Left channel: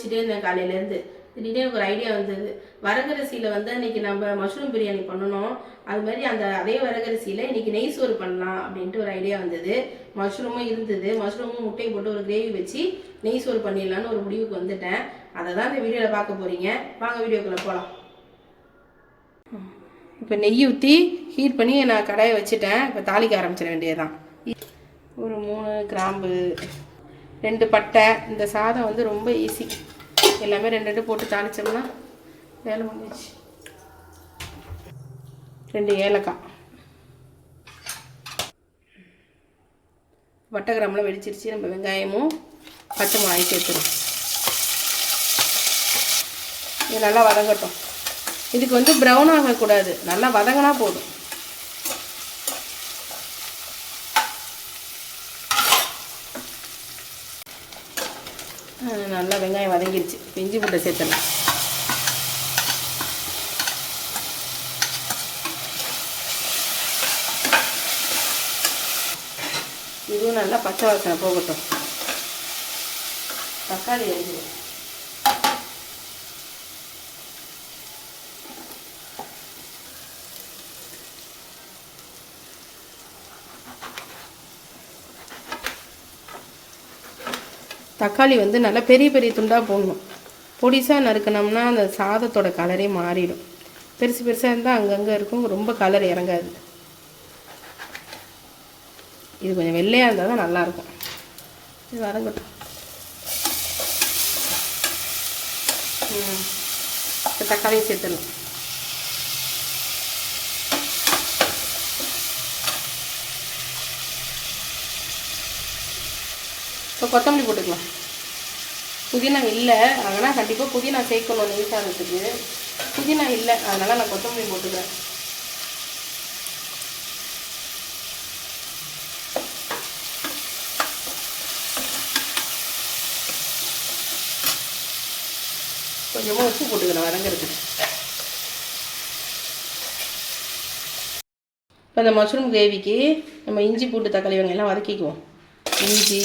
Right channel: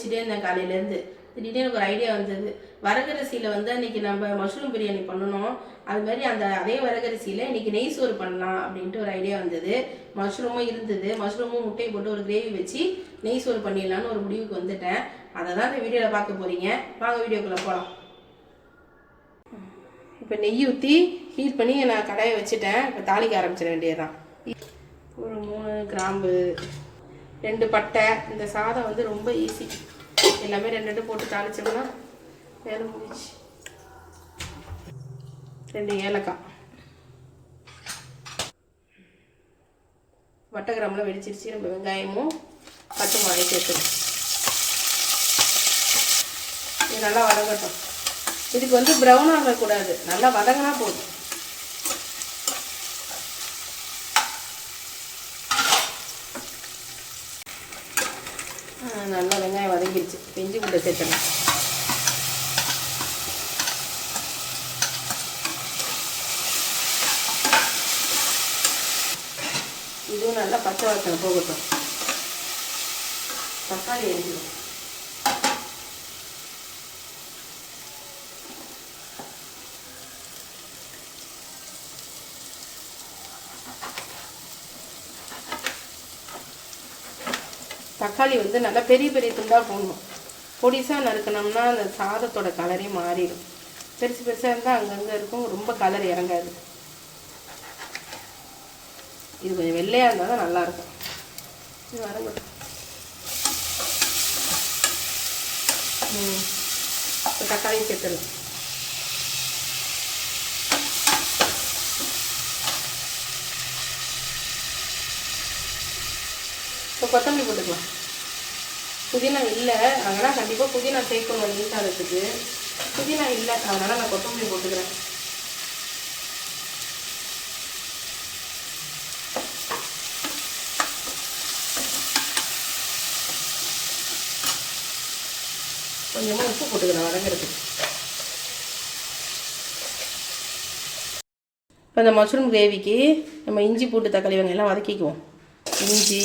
யோசிச்சுட்டே இருந்தேன் காலையிலேருந்து திடீர்னு எனக்கு ஒரு ஐடியா வந்தது. வரகரிசியில் வந்து இன்னைக்கு நம்ம மஷ்ரூம் பிரியாணி பண்ணணும். அது மாதிரி அந்த அதே வரகரிசியில் இன்னைக்கு நெய் சோறு பண்ணலாம் அப்படின்ட்டு ஒரு ஐடியா வந்தது. மஷ்ரூமும் இருந்தது. மஷ்ரூமும் முட்டையை போட்டு ஒரு கிரேவி வச்சு நெய் சோறு பண்ணிடலான்னு ஒரு முடிவுக்கு வந்துட்டேன். அதை தான் இந்த வீடியோவில் பார்க்க போகிறீங்க வாங்க வீடியோக்குள்ளே போகலாம் இப்போ நெய் ஊற்றி ஹீட் பண்ணி நான் கடாயை வச்சுட்டேன். இப்போ தாளிக்க ஆரம்பிச்சிட வேண்டியதுதான். ஒரு மூணு கிராம்பு ரெண்டு பட்டை இந்த சாதம் வந்து ரொம்ப ஈஸி எல்லாமே ரெண்டு ரெண்டு போட்டு தாளிச்சோம்னா வேலை முடிஞ்சிச்சு. ரெண்டு ஏலக்காய். வட்டகிராமில் வெடிச்சிருச்சு. நம்ம வெங்காயமும் பச்சை மிளகாய் சேர்த்துடும் இது நல்லா வதங்கட்டும். இதுக்கு வந்து ப்ரௌன் ஆகக்கூடாது. நல்லா வதங்கினா போதும். நல்லா வெங்காயம் வதங்கிடுச்சு இஞ்சி பூட்டை சேர்த்துடலாம். இதுவும் நல்லா பச்சை வாசனை போகட்டும். தக்காளி எரிஞ்சிடும். தக்காளி வந்து நல்லா பெரிய பெரிய துண்டாக போடணும் பொடிசாக நறுக்கணும்னா அந்த சாதத்தோட கலரே மாறிடும். பெருசு பெருசாக இருந்தால் அங்கங்கே இருக்கும். ரொம்ப கலர் இறங்காது. இது கொஞ்சம் வெள்ளையாக இருந்தால் தான் நல்லாயிருக்கும் இது வரங்கட்டும். ம். இப்போ இப்போ கொத்தமல்லி போட்டுக்கலாம். புதினா இல்லை அதனால் கண்டிப்பாக புதினா சேர்க்கணும் நீ புதினா இல்லை அதனால் நான் கொத்தமல்லி போட்டுக்கிறேன். கொஞ்சமாக உப்பு போட்டுக்கிறேன் வதங்கிறதுக்கு. இப்போ இந்த மஷ்ரூம் கிரேவிக்கு நம்ம இஞ்சி பூட்டு தக்காளி வெங்காயம் எல்லாம் வதக்கிக்குவோம். இஞ்சி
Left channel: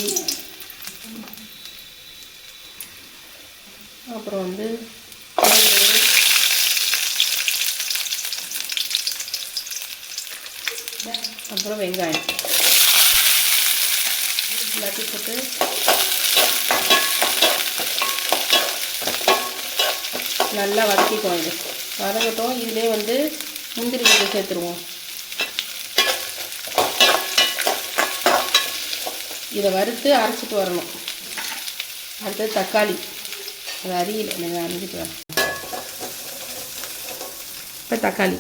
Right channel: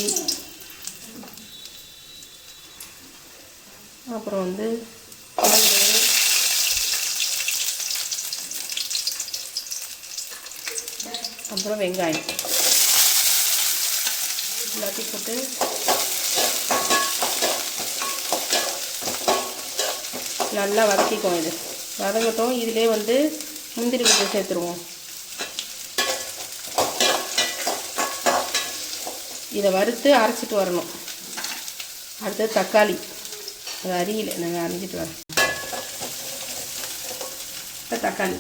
அப்புறம் வந்து பூண்டு, அப்புறம் வெங்காயம். எல்லாத்தையும் போட்டு நல்லா வதக்கிக்குவோம் இது. வதங்கட்டும். இதிலே வந்து முந்திரி கொஞ்சம் சேர்த்துருவோம். இதை வறுத்து அரைச்சிட்டு வரணும். அடுத்தது தக்காளி. அது அரியல நாங்கள் அரைஞ்சிட்டு வரோம் இப்போ தக்காளி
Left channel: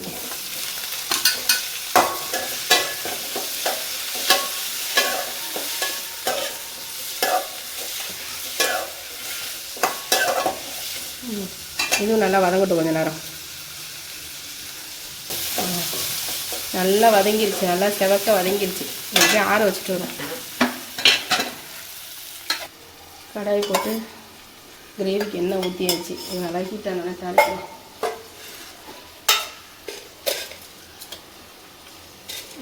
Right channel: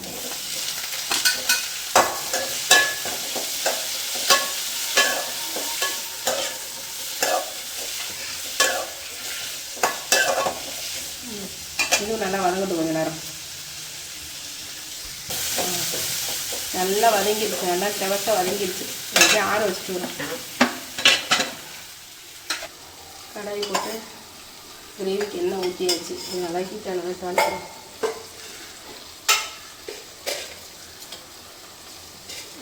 ம். இன்னும் நல்லா வதங்கட்டும் கொஞ்சம் நேரம் ம். நல்லா வதங்கிடுச்சு நல்லா செவக்க வதங்கிடுச்சு அப்படியே ஆற வச்சுட்டு வரேன் கடாய் போட்டு கிரேவிக்கு எண்ணெய் ஊற்றியாச்சு நல்லா ஹீட்டாக நல்லா சாப்பிடுறோம்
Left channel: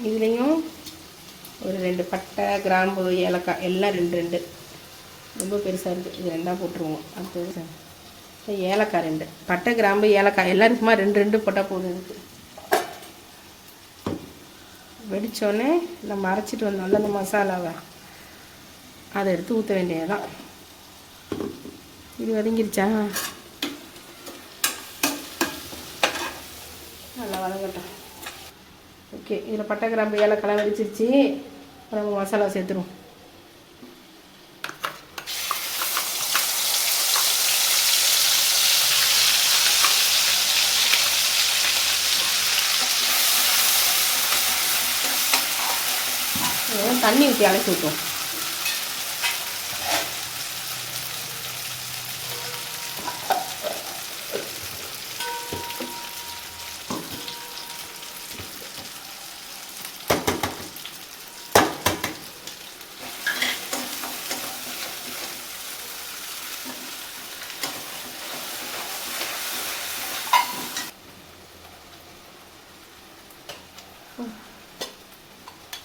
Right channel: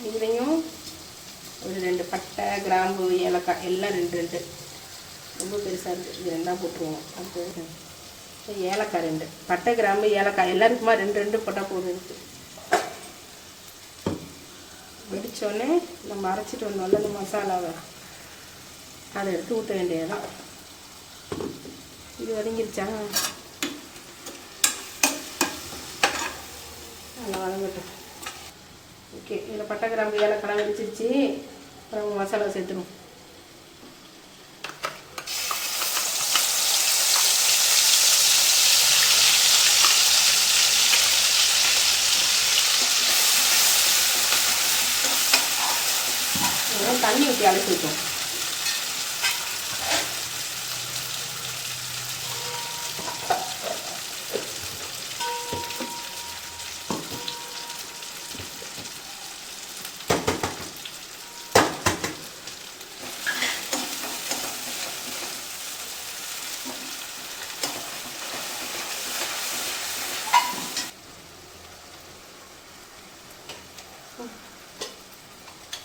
இதுலேயும் ஒரு ரெண்டு பட்டை கிராம்பு ஏலக்காய் எல்லாம் ரெண்டு ரெண்டு. ரொம்ப பெருசாக இருக்குது இது ரெண்டாக போட்டுருவோம். அப்படி ஏலக்காய் ரெண்டு. பட்டை கிராம்பு ஏலக்காய் எல்லாருக்குமா ரெண்டு ரெண்டு போட்டால் போதும் இருக்குது வெடித்தோடனே நம்ம அரைச்சிட்டு வந்தோம்ல அந்த மசாலாவை. அதை எடுத்து ஊற்ற வேண்டியதுதான். இது வதங்கிருச்சா? நல்லா வதங்கட்டும். ஓகே இதில் பட்டை கிராம்பு ஏலக்காய் வெடிச்சிருச்சு அப்புறம் மசாலா சேர்த்துருவோம். தண்ணி ஊற்றி அலசி வைப்போம்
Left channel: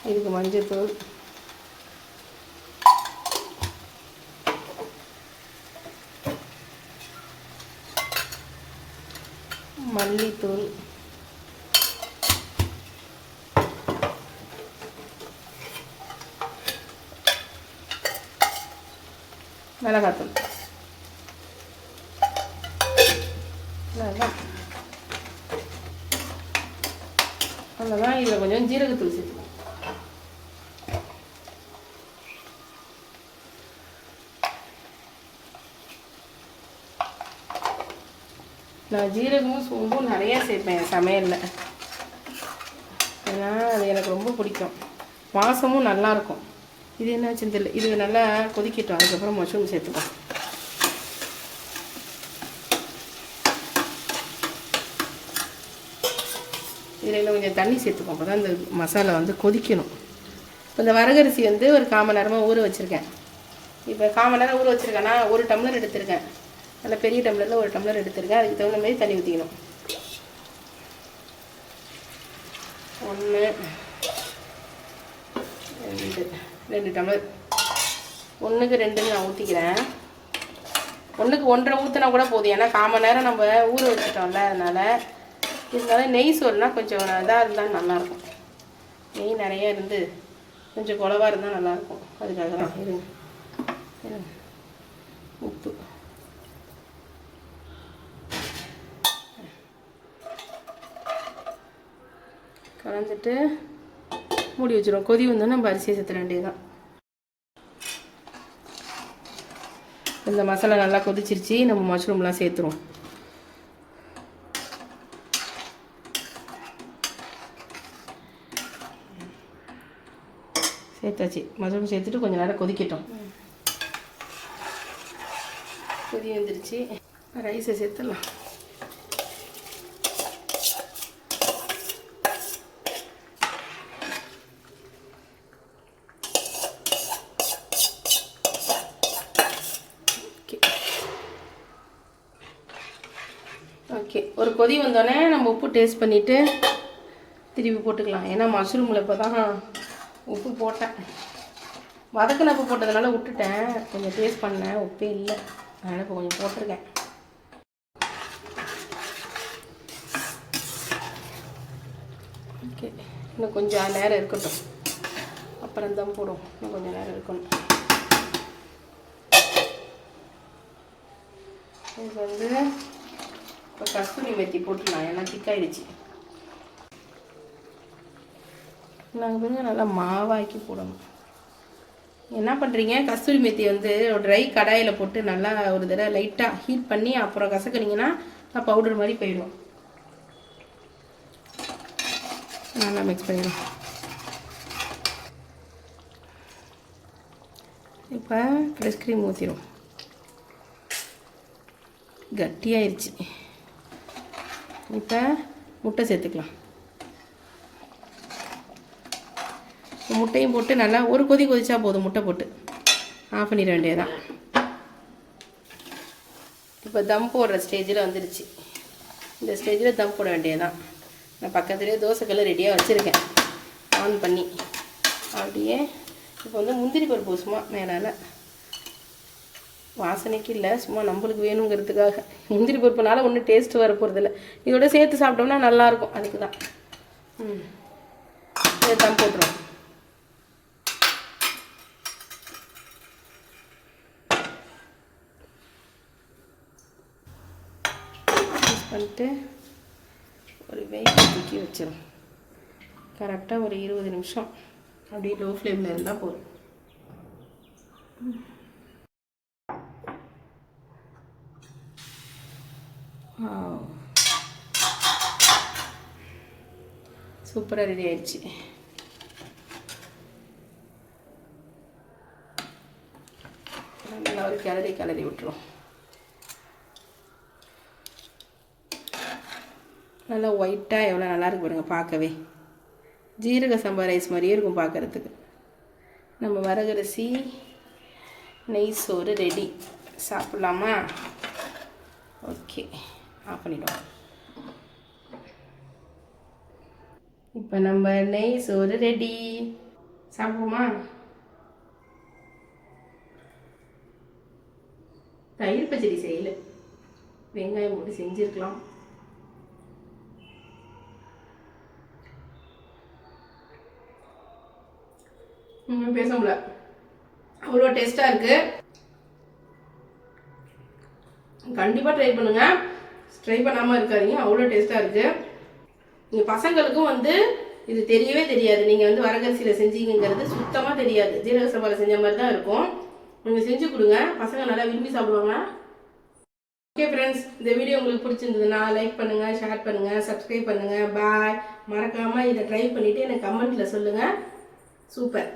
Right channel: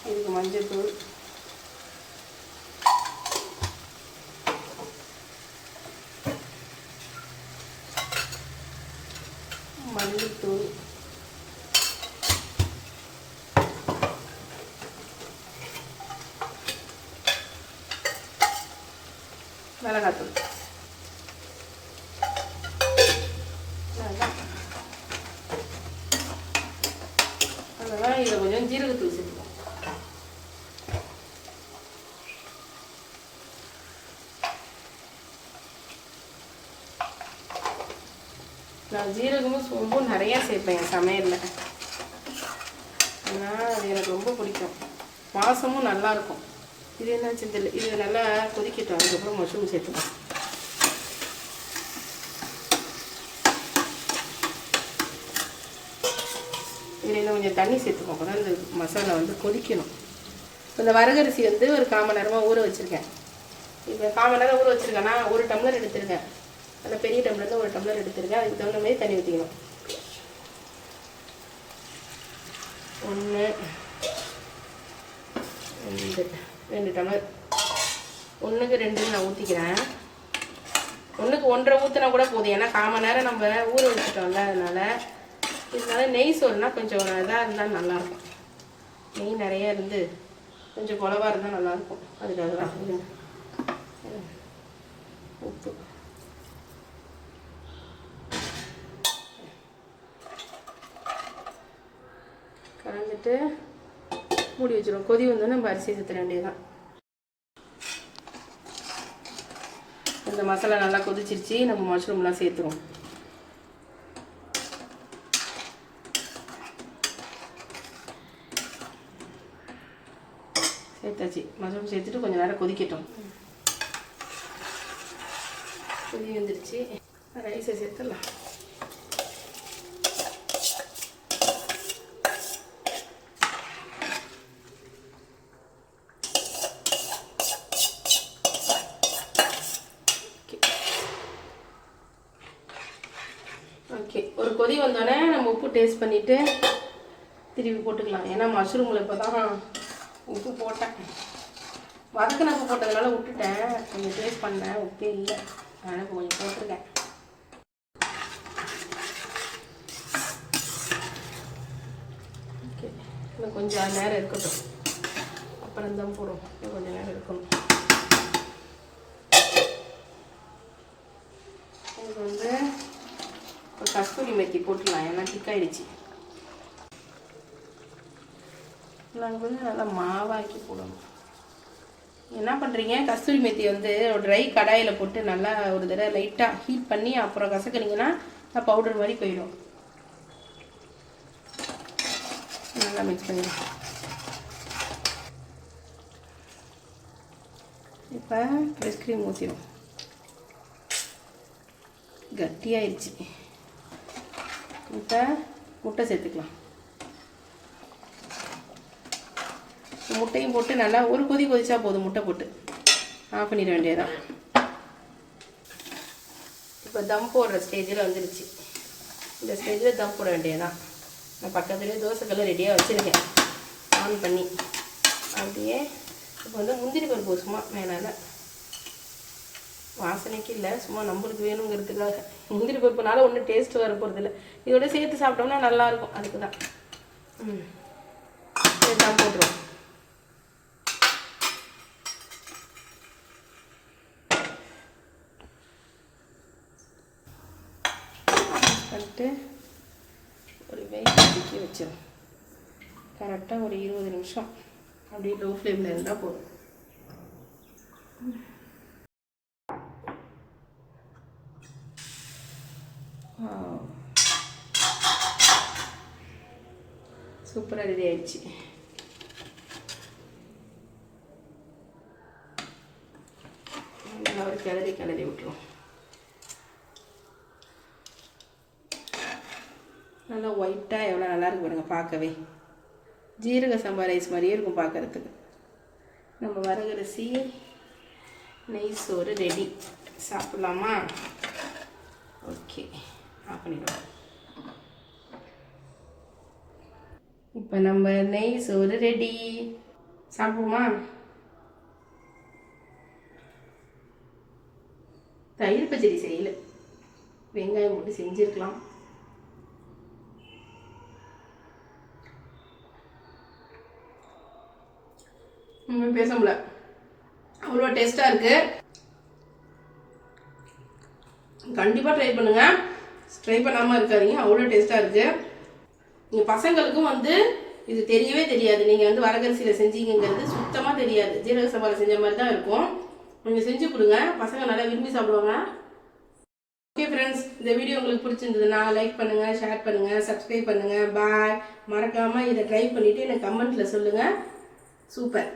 இதுக்கு மஞ்சத்தூள் மல்லித்தூள். மிளகாத்தூள். மிளகா அவ்வளோதான் இதில் கொஞ்சம் ஜீரகத்தூள் சேர்த்துக்கணும் நான் ஜீரகமும் சோம்பும் நிறைய சேர்ப்பேன் என் சமையலில். அதனால் அது எனக்கு ரொம்ப பிடிக்கும். வாசமும் நல்லா இருக்கும். இது என்ன செந்தில் இது நல்லா கொதிக்கிட்டோம். அதுக்கப்புறம் மஷ்ரூம் சேர்த்துக்கலாம். கொஞ்சம் தண்ணி சேர்த்துப்போம். அப்போ தான் இந்த மசாலா வந்து கொதிக்கணும். இந்த வரகரிசி வந்து ஒரு கால் மணி நேரமாக ஊற வச்சுருக்கேன். இப்போ கால் மணி நேரம் ஊற வச்சுருக்கேன்னா ஒரு டம்ளர் எடுத்திருக்கேன். அந்த பெரிய டம்ளரில் ஒரு டம்ளர் எடுத்திருக்கேன். அதுக்கு தகுந்த மாதிரி தண்ணி ஊற்றிக்கணும் ஒன்று ரெண்டு ரெண்டு டம்ளர். ஒன்றுக்கு ரெண்டுன்னு நான் ஊற்றிக்கிறேன் ஒன்றுக்கு ஒன்றரை ஊற்றினா கூட போதும். ஏன்னா கால் மணி நேரம் நம்ம ஊற வச்சுட்டோம்ல அதனால் இருந்தாலும் நெய் சோறுனா கொஞ்சம் இதாக இருந்தால் நல்லாயிருக்கும். நெய் நிறைய இருந்து கொஞ்சம் குளவாக இருந்தால் நல்லாயிருக்கும். அதுக்காக தான் இருங்க உப்பு. கலந்துட்டு மூடி வச்சிடும் கொதி வந்தோடனே நம்ம அரிசியை சேர்த்துட வேண்டியதுதான். இந்த மசாலா நல்லா கொதிச்சிருச்சு. நம்ம மஷ்ரூம்லாம் சேர்த்துருவோம். சேர்த்தாச்சு. மஷ்ரூம் சேர்த்துட்டு கொஞ்சம் நேரம் கொதிக்கட்டும். கொதி வந்துருச்சு. ரைஸை சேர்த்துடலாம். ஓகே. ஓகே. ஒரு கொதி வந்தோடனே நம்ம உப்பு டேஸ்ட் பண்ணிவிட்டு திருப்பி போட்டுக்கலாம். ஏன்னா மஷ்ரூமில் இப்போ தான் உப்பு போட்டேன். வதக்கினப்பு போட்டதுனால விட்டுட்டேன். கொஞ்சம் டேஸ்ட் பண்ணேன். உப்பே இல்லை. அதனால் இப்போ கொஞ்சம் போட்டிருக்கேன். ஓகே இன்னும் கொஞ்சம் நேரம் இருக்கட்டும். அப்புறம் தான் போடும் இன்னும் கொஞ்சம் நேரம் இருக்கணும். இதுக்கு வந்து ஒரு கஸ்தூரி மெத்தி போட்டுடலாம் ஏன்னா திக்காயிடுச்சு நாங்கள் கொஞ்சம் நல்லா மாவாக்கி போடணும். என்ன பண்ணுறீங்க கஸ்தூரி மெத்தி வந்து ஒரு ட்ரை கடாயில் போட்டு நல்லா ஒரு தடவை லைட்டாக ஹீட் பண்ணி அப்புறம் கசக்குனீங்கன்னா பவுடர் மாதிரி போயிடும். நல்லா மிக்ஸ் பண்ணிடும். இப்போ ஃப்ரெஷ் க்ரீம் ஊற்றிடும் கட்டியாயிருச்சு. இப்போ முட்டை சேர்த்துக்கலாம். முட்டையும் போட்டு நல்லா ஒரு கொதி கொதிச்சா போதும் முட்டை போட்டு. ஆஃப் பண்ணிட வேண்டியதுதான். இப்போ தம் போடுற ஸ்டேஜில் வந்துருச்சு. இந்த ஸ்டேஜில் தம் போட வேண்டியதுதான். நான் பக்கத்துலேயே தோசைக்கெல்லாம் ரெடியாக வச்சுருக்கேன். ஆன் பண்ணி. அப்படியே இப்போ வந்து முந்திரி பருப்பு சும்மா மேனால் வாசனைக்கு இல்லை சும்மா நம்மளுக்கு வேணுங்கிறதுக்காக. முந்திரி பருப்புனால ஒன்றும் டேஸ்ட் வர போகிறதில்ல இதோட சேர்த்து சாப்பிட்டோம்னா நல்லாயிருக்கும் அதுக்கு தான் ம். சேர்த்தா போட்டுருவோம். பண்ணிட்டு ஒரு வெயிட் தூக்கி வச்சிடும் கரெக்டாக ஒரு இருபது நிமிஷம். அப்படியே லோ ஃப்ளேமில் இருந்தால் போதும் சூப்பராக ரெடி ஆயிடுச்சு. நல்லா ஒரு கிளறி கிளறி விட்டுரும் நல்லா ஒயிட்டாக எவ்வளோ நல்லாயிருக்கு பாருங்க பார்க்கவே. ஜீரக சம்பா ரைஸ் மாதிரியே இருக்கும் பார்க்குறதுக்கு. நம்ம வரகரிசி நெய் சோறு ரெடி சாப்பிட்லாமா? ஓகே ஆஃப் பண்ணிடுவோம் இப்போ நம்ம நெய் சோறு ரெடி சாப்பிடுவோமா? தயிர் பச்சடி செய்யல. வெங்காயம் போட்டு செஞ்சுருக்கலாம். பேச முடியல. அவ்வளோ டேஸ்ட்டாக இருக்குது கண்டிப்பாக ட்ரை பண்ணுங்கள் ட்ரை பண்ணாமல் இருக்காதிங்க. அவ்வளோ டேஸ்ட்டாக இருக்குது நீங்கள் பசங்களுக்கும் வந்து இது தெரியவே தெரியாது. நீங்கள் வந்து வரகரிசியில் செஞ்சீங்கிறது சுத்தமாக தெரியாது. ஜீரக சம்பாவில் செஞ்ச மாதிரி தான் இருக்கும். நீங்கள் செஞ்சு கொடுங்க. பசங்க நல்லா விரும்பி சாப்பிடுவாங்க. ஓகே ஃப்ரெண்ட்ஸ் இந்த வீடியோ உங்களுக்கு பிடிச்சிருந்ததுன்னா லைக் பண்ணுங்கள் ஷேர் பண்ணுங்கள் சப்ஸ்கிரைப் பண்ணுங்கள் பாய் மறக்காமல் இதை ட்ரை பண்ணிவிட்டு எனக்கு கமெண்ட்டில் சொல்லுங்கள் சூப்பர்